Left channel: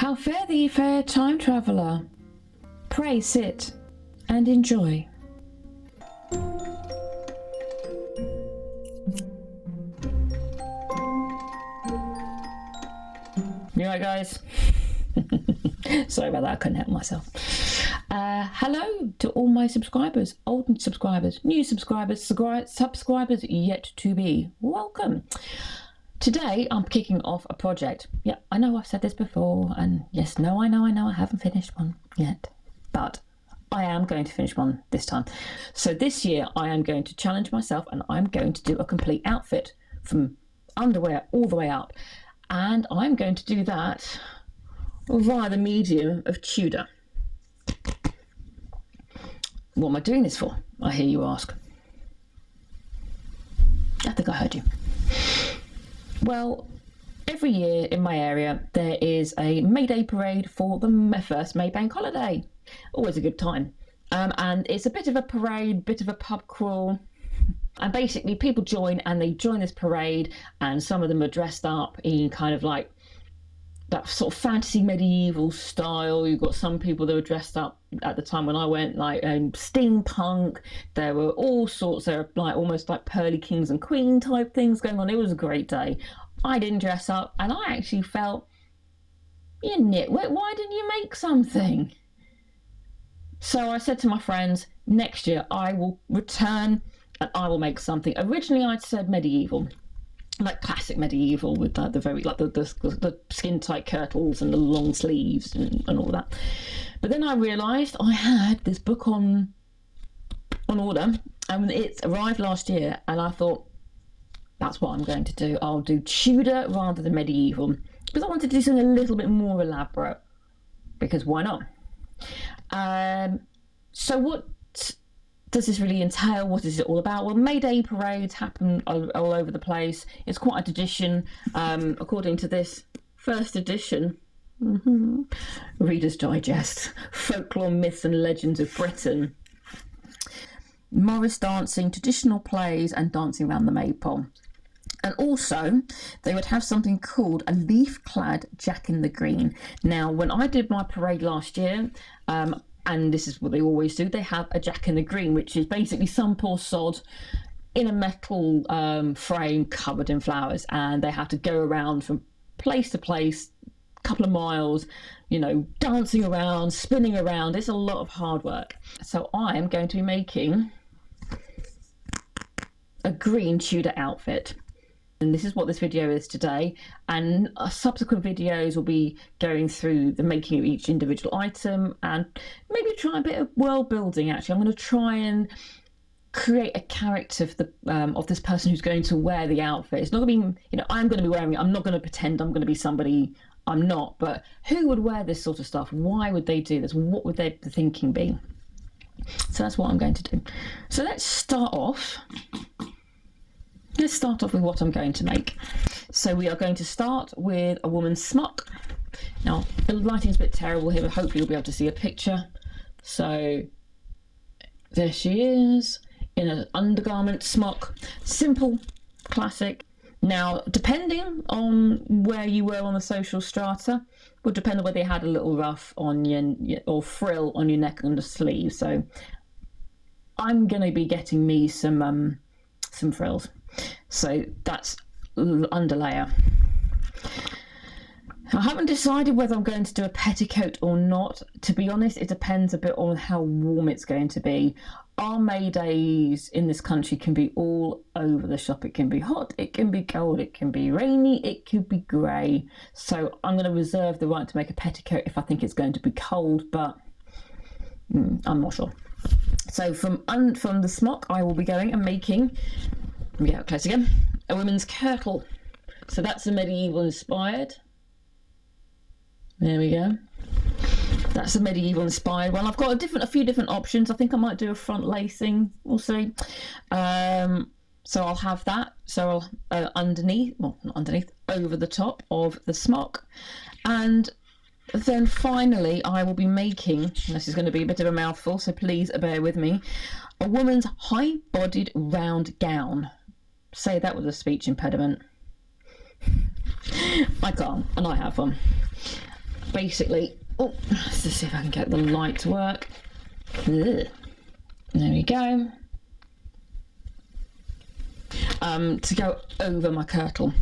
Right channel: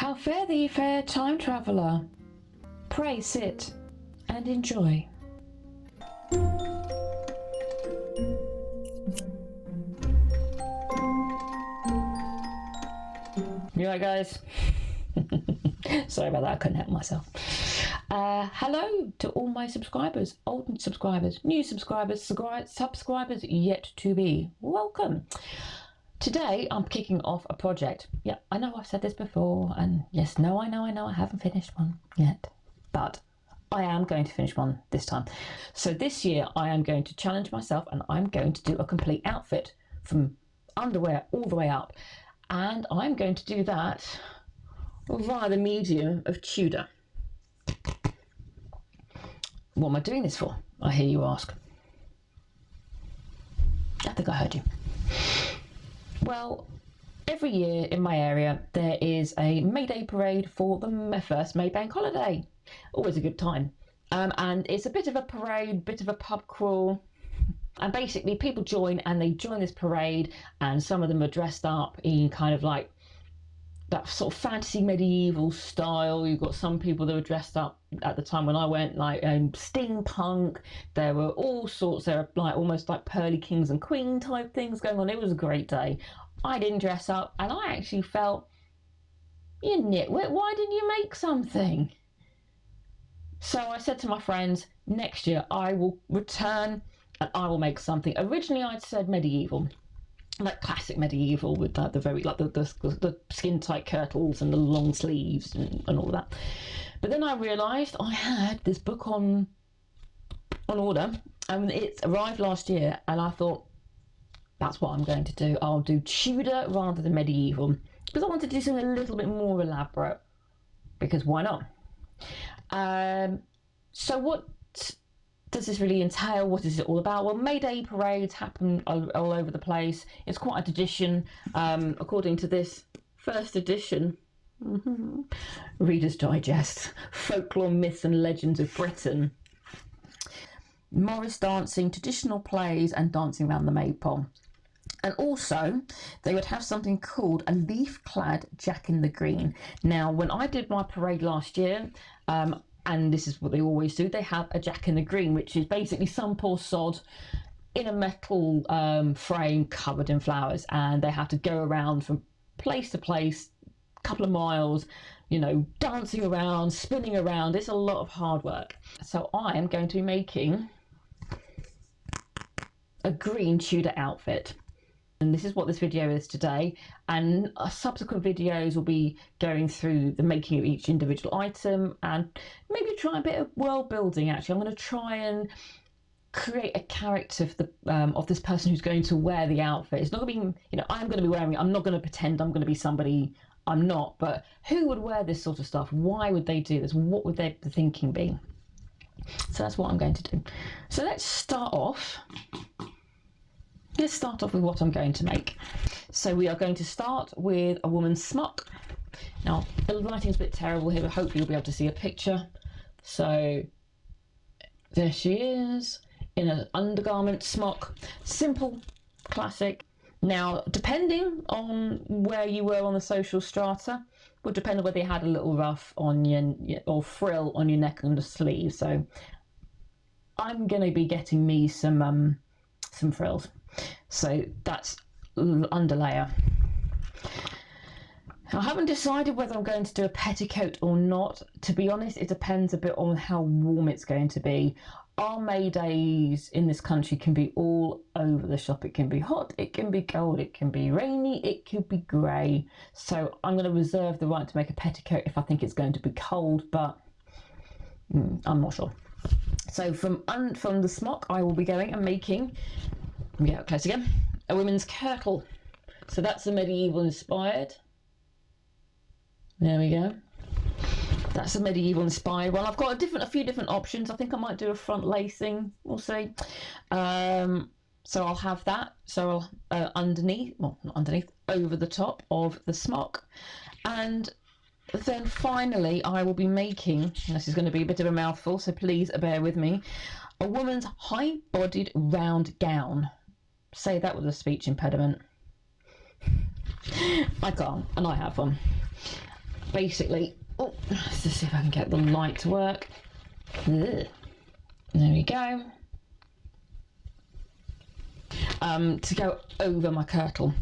How fare thee, fair time traveller? Pray sit and enjoy. You right, guys? Sorry about that, I couldn't help myself. Hello to all my subscribers, old subscribers, new subscribers, subscribers yet to be. Welcome. Today I'm kicking off a project. Yeah, I know I've said this before, and yes, I know I haven't finished one yet, but I am going to finish one this time. So this year I am going to challenge myself and I'm going to do a complete outfit from underwear all the way up. And I'm going to do that via the medium of Tudor. What am I doing this for? I hear you ask. I think I heard you. Well, every year in my area there is a May Day parade for the first May bank holiday. Always a good time. And it's a bit of a parade, bit of a pub crawl. And basically people join this parade, and some of them are dressed up in kind of like that sort of fantasy medieval style. You've got some people that were dressed up at the time when I went like steampunk. There were all sorts. There were like almost like pearly kings and queen type things going on. It was a great day. I didn't dress up, and I actually felt, you nitwit, why didn't you make something? So I said to my friends, next year I will return and I will make something. Originally I'd said medieval, like classic medieval with like the skin tight kirtles and the long sleeves and all that. But then I realised I had this book on order, and it arrived last year, and I thought that's what I'm going to do. I'll do Tudor rather than medieval, because I wanted to do something a little bit more elaborate, because why not? So what does this really entail? What is it all about? Well, May Day parades happen all over the place. It's quite a tradition. According to this first edition, Reader's Digest, Folklore, Myths and Legends of Britain, Morris dancing, traditional plays and dancing around the maypole. And also, they would have something called a leaf-clad Jack in the Green. Now, when I did my parade last year, and this is what they always do, they have a Jack in the Green, which is basically some poor sod in a metal frame covered in flowers, and they have to go around from place to place, a couple of miles, you know, dancing around, spinning around. It's a lot of hard work. So I am going to be making a green Tudor outfit. And this is what this video is today, and subsequent videos will be going through the making of each individual item and maybe try a bit of world building. Actually, I'm going to try and create a character of this person who's going to wear the outfit. It's not going to be, you know, I'm going to be wearing it. I'm not going to pretend I'm going to be somebody I'm not, but who would wear this sort of stuff? Why would they do this? What would their thinking be? So that's what I'm going to do. So let's start off. Let's start off with what I'm going to make. So we are going to start with a woman's smock. Now, the lighting's a bit terrible here, but hopefully you'll be able to see a picture. So there she is in an undergarment smock. Simple, classic. Now, depending on where you were on the social strata, would depend on whether you had a little ruff on your or frill on your neck and the sleeve. So I'm going to be getting me some frills. So that's underlayer. I haven't decided whether I'm going to do a petticoat or not. To be honest, it depends a bit on how warm it's going to be. Our May days in this country can be all over the shop. It can be hot, it can be cold, it can be rainy, it could be grey. So I'm going to reserve the right to make a petticoat if I think it's going to be cold, but I'm not sure. So from the smock, I will be going and making, let me get up close again, a women's kirtle. So that's a medieval inspired. There we go. That's a medieval inspired one. I've got a few different options. I think I might do a front lacing. We'll see. So I'll have that. So I'll underneath, well, not underneath, over the top of the smock. And then finally, I will be making, and this is going to be a bit of a mouthful, so please bear with me, a woman's high-bodied round gown. Say that with a speech impediment. I can't, and I have one. basically, oh, let's see if I can get the light to work. Ugh. There we go. To go over my kirtle.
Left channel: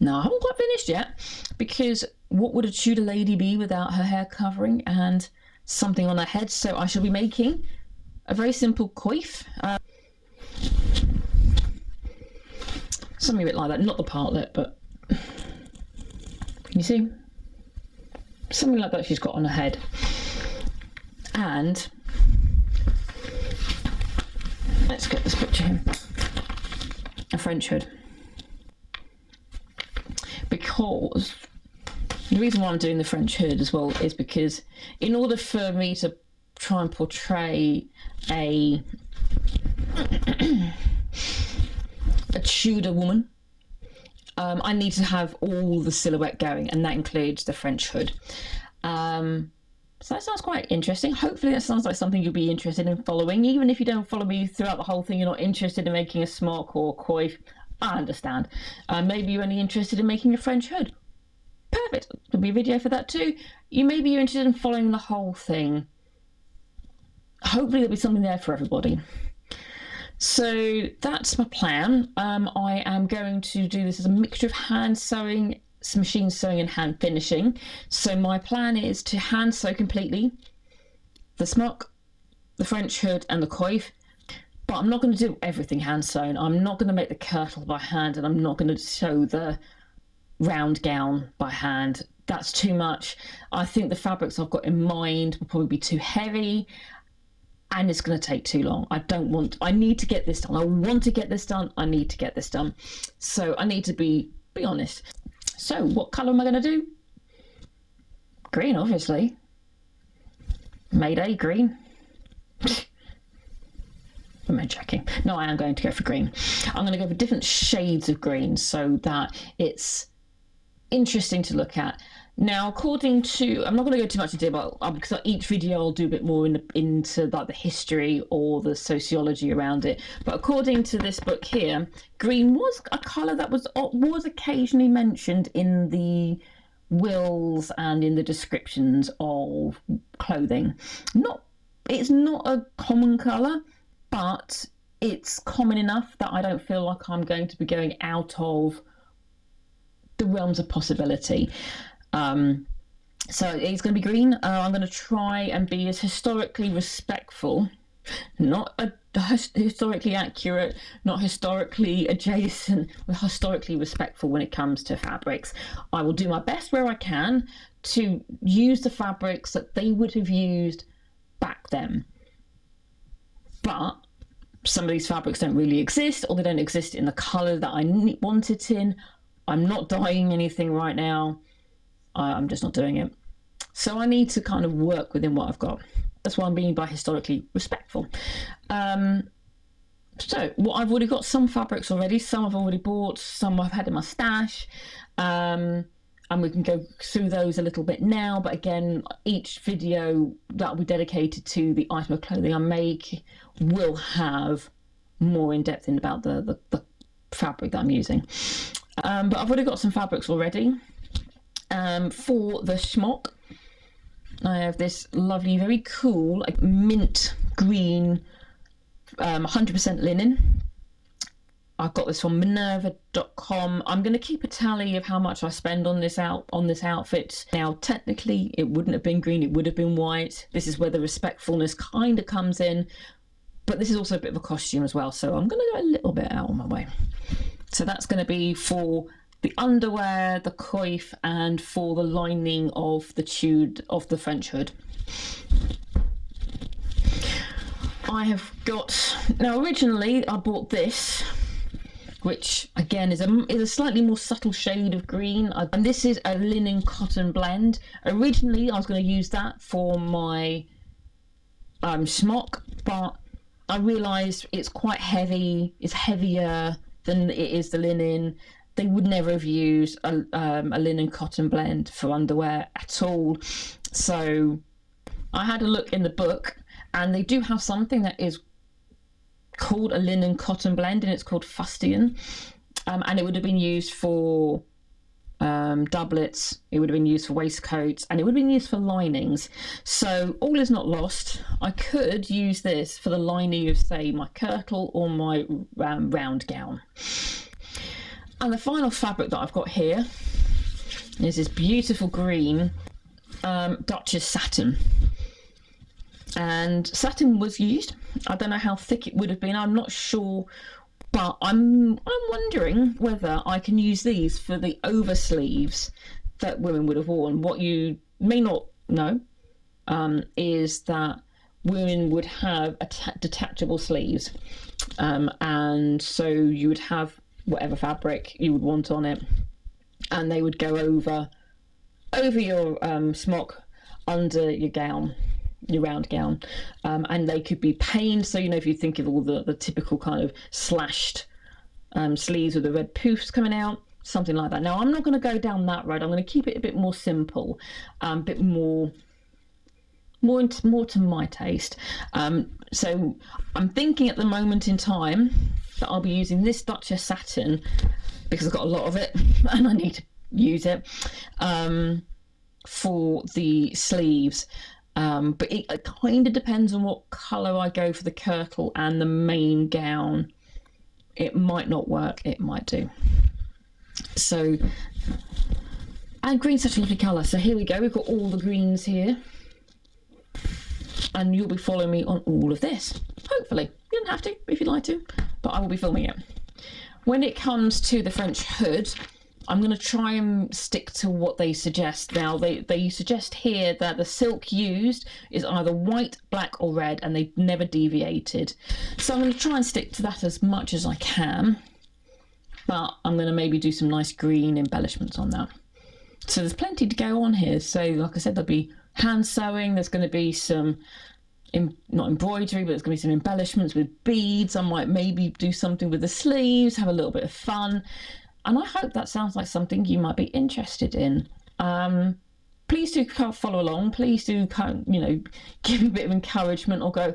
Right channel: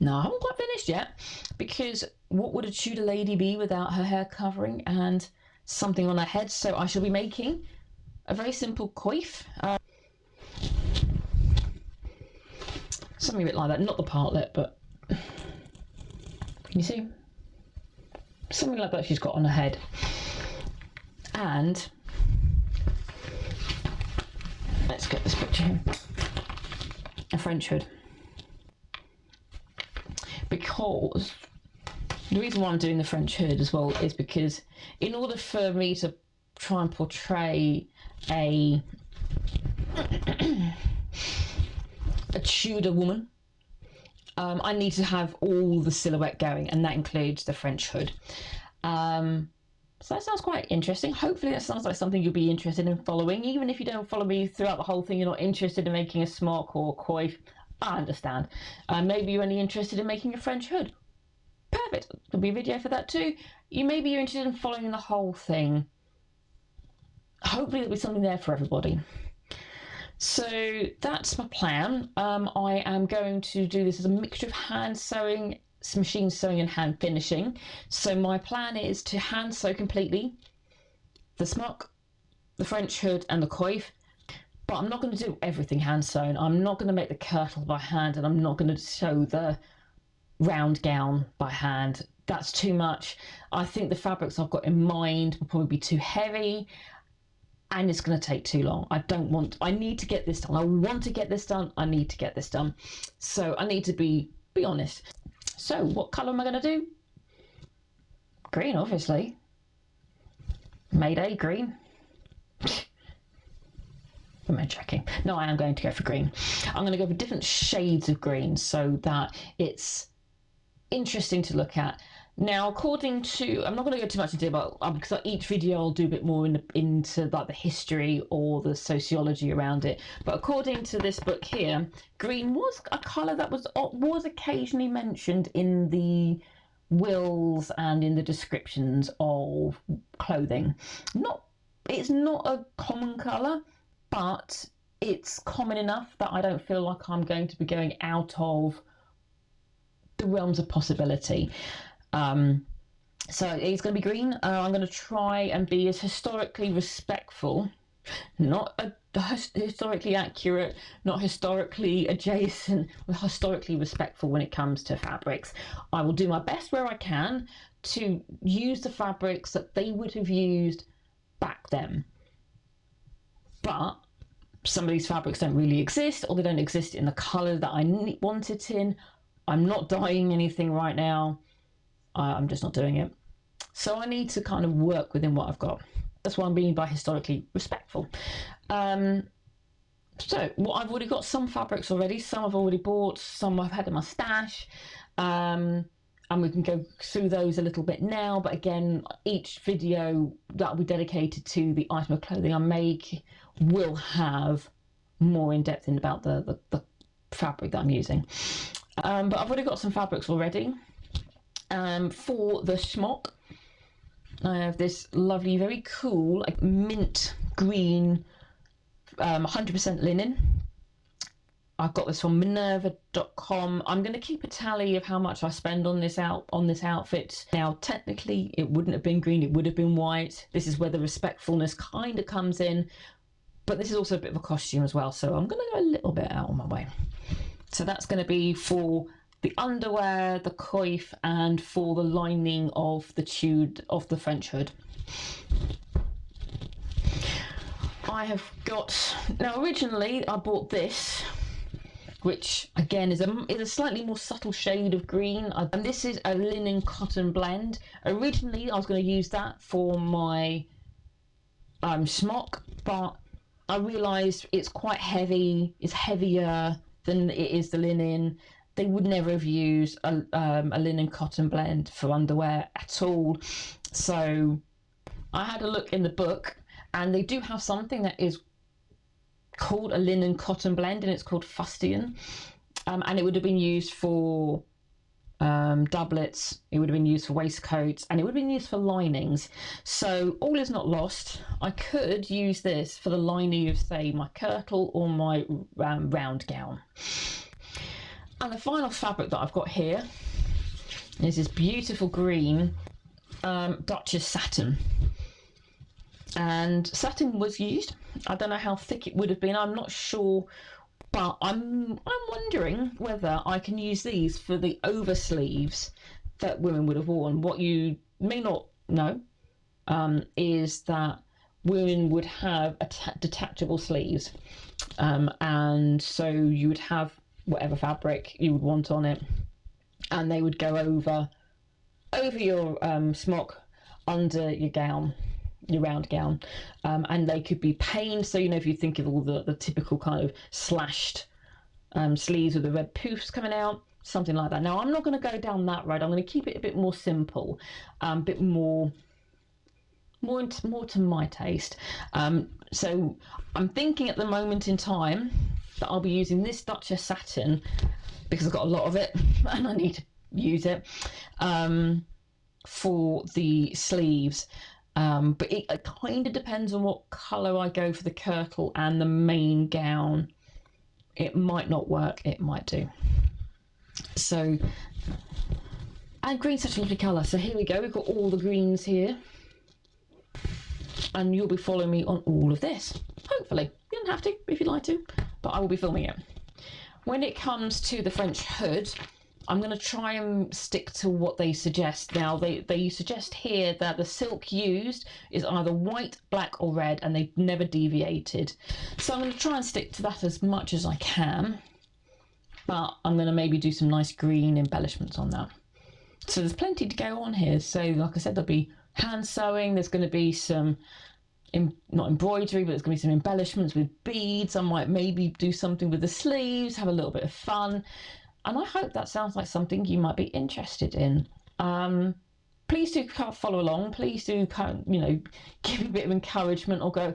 Now, I haven't quite finished yet, because what would a Tudor lady be without her hair covering and something on her head? So I shall be making a very simple coif. Something a bit like that, not the partlet, but can you see? Something like that she's got on her head. And let's get this picture here. A French hood. Because the reason why I'm doing the French hood as well is because in order for me to try and portray a Tudor woman, I need to have all the silhouette going, and that includes the French hood. So that sounds quite interesting. Hopefully that sounds like something you'll be interested in following. Even if you don't follow me throughout the whole thing, you're not interested in making a smock or a coif, I understand. Maybe you're only interested in making a French hood. Perfect. There'll be a video for that too. Maybe you're interested in following the whole thing. Hopefully there'll be something there for everybody. So that's my plan. I am going to do this as a mixture of hand sewing, machine sewing and hand finishing. So my plan is to hand sew completely the smock, the French hood and the coif, but I'm not going to do everything hand sewn. I'm not going to make the kirtle by hand, and I'm not going to sew the round gown by hand. That's too much. I think the fabrics I've got in mind will probably be too heavy, and it's going to take too long. I need to get this done. I want to get this done. I need to get this done. So I need to be honest. So what colour am I going to do? Green, obviously. Mayday green. Am I checking? No, I am going to go for green. I'm going to go for different shades of green so that it's interesting to look at. Now, according to, I'm not going to go too much into it, but because each video I'll do a bit more into like the history or the sociology around it. But according to this book here, green was a colour that was occasionally mentioned in the wills and in the descriptions of clothing. It's not a common colour, but it's common enough that I don't feel like I'm going to be going out of the realms of possibility. So it's going to be green. I'm going to try and be as historically respectful, not historically accurate, not historically adjacent, but historically respectful when it comes to fabrics. I will do my best where I can to use the fabrics that they would have used back then. But some of these fabrics don't really exist, or they don't exist in the colour that I want it in. I'm not dyeing anything right now. I'm just not doing it. So I need to kind of work within what I've got. That's why I'm being historically respectful. So I've already got some fabrics already. Some I've already bought, some I've had in my stash. And we can go through those a little bit now. But again, each video that will be dedicated to the item of clothing I make will have more in depth about the fabric that I'm using. But I've already got some fabrics already. For the smock, I have this lovely, very cool, like mint green, 100% linen. I've got this from Minerva.com. I'm going to keep a tally of how much I spend on this outfit. Now, technically, it wouldn't have been green; it would have been white. This is where the respectfulness kind of comes in, but this is also a bit of a costume as well. So I'm going to go a little bit out on my way. So that's going to be for the underwear, the coif, and for the lining of the French hood. I have got, now originally I bought this, which again is a slightly more subtle shade of green, and this is a linen cotton blend. Originally I was going to use that for my smock, but I realised it's quite heavy, it's heavier than it is the linen. They would never have used a linen cotton blend for underwear at all. So I had a look in the book, and they do have something that is called a linen cotton blend, and it's called fustian. And it would have been used for doublets, it would have been used for waistcoats, and it would have been used for linings. So all is not lost. I could use this for the lining of, say, my kirtle or my round gown. And the final fabric that I've got here is this beautiful green Duchess satin. And satin was used. I don't know how thick it would have been, I'm not sure, but I'm wondering whether I can use these for the over sleeves that women would have worn. What you may not know is that women would have detachable sleeves, and so you would have whatever fabric you would want on it, and they would go over your smock, under your gown, your round gown, and they could be paned. So, you know, if you think of all the typical kind of slashed sleeves with the red poofs coming out, something like that. Now, I'm not going to go down that road. I'm going to keep it a bit more simple, a bit more to my taste. So I'm thinking at the moment in time that I'll be using this Duchess satin because I've got a lot of it and I need to use it for the sleeves. But it kind of depends on what colour I go for the kirtle and the main gown. It might not work, it might do. So, and green's such a lovely colour. So here we go, we've got all the greens here. And you'll be following me on all of this. Hopefully. You don't have to if you'd like to, but I will be filming it. When it comes to the French hood, I'm going to try and stick to what they suggest. Now, they suggest here that the silk used is either white, black or red, and they've never deviated. So I'm going to try and stick to that as much as I can, but I'm going to maybe do some nice green embellishments on that. So there's plenty to go on here. So like I said, there'll be hand sewing, there's going to be some, not embroidery, but there's going to be some embellishments with beads. I might maybe do something with the sleeves, have a little bit of fun. And I hope that sounds like something you might be interested in. Please do follow along. Please do, you know, give me a bit of encouragement or go,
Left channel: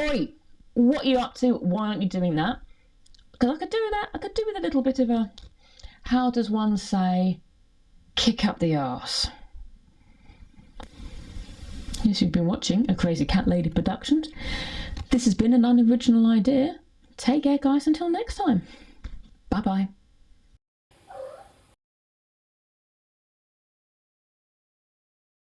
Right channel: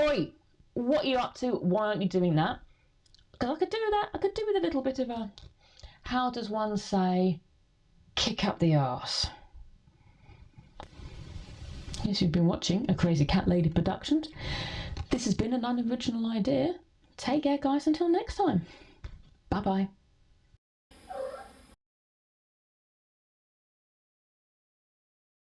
oi, what are you up to? Why aren't you doing that? Because I could do that. I could do with a little bit of a, how does one say, kick up the arse. Yes, you've been watching a Crazy Cat Lady Productions. This has been an unoriginal idea. Take care, guys, until next time. Bye-bye.